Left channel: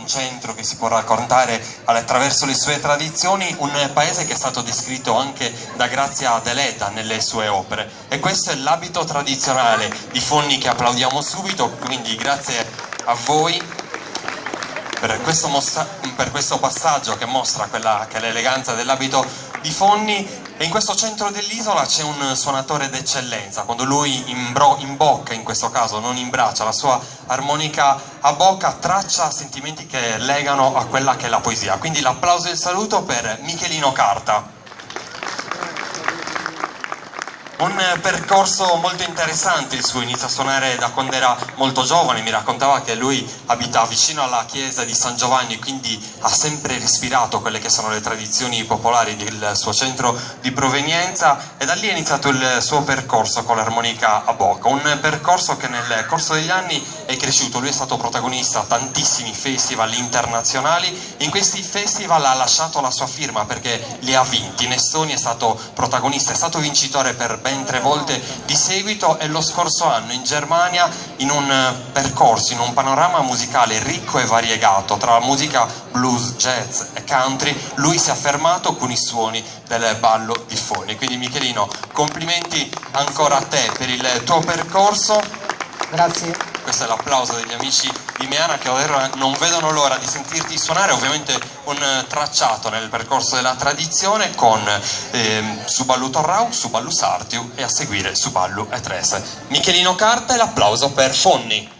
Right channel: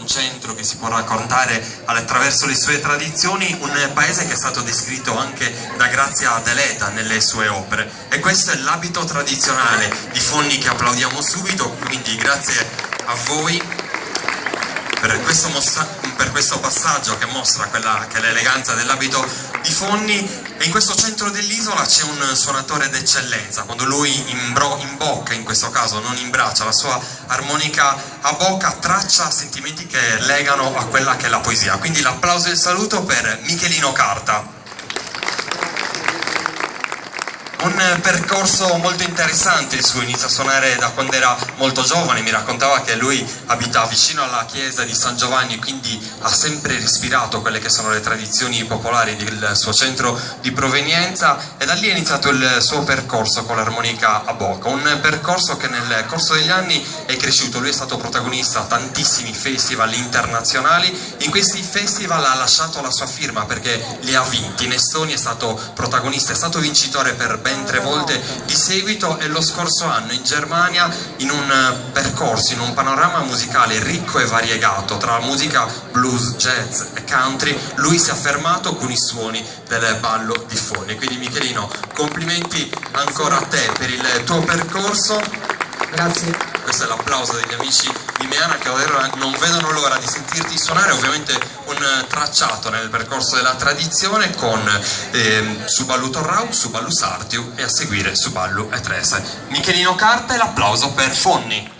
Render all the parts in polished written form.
un centro che si può raccontare attraverso le sue tradizioni, un paese che è stato descritto anche da Grazia Deledda nelle sue opere, e questo è l'abito tradizionale di Fonni che applaudiamo subito, quindi grazie a voi per questo passaggio che mostra quella che è l'eleganza dell'abito di Fonni. E in questo centro dell'isola c'è un suonatore d'eccellenza. Quando lui imbocca, in questo caso non imbraccia, la sua armonica a bocca, traccia sentimenti che legano a quella che è la poesia. Quindi l'applauso e il saluto per Michelino Carta. Un percorso molto interessante il suo, inizia a suonare da quando era molto giovane, mi raccontava che lui abita vicino alla chiesa di San Giovanni, quindi ha sempre respirato quelle che sono le tradizioni popolari del suo centro di provenienza, e da lì è iniziato il suo percorso con l'armonica a bocca, un percorso che nel corso degli anni è cresciuto. Lui è stato protagonista a tantissimi festival internazionali, in questi festival ha lasciato la sua firma perché li ha vinti. In Estonia è stato protagonista, è stato vincitore per ben 3 volte di seguito, e lo scorso anno in Germania, in un percorso, in un panorama musicale ricco e variegato tra musica blues, jazz e country, lui si è affermato con i suoni del ballo di Fonni. Quindi Michelino, complimenti ancora a te per il tuo percorso. Grazie. Questo è l'applauso degli amici di Meana, che davvero non vedono l'ora di sentirti suonare, ovviamente un tracciato nel percorso della tradizione con Suballu Torrau, Suballu Sartiu e a seguire Suballu e Trese. Michelino Carta e l'applauso per Fonni.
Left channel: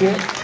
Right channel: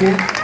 Grazie.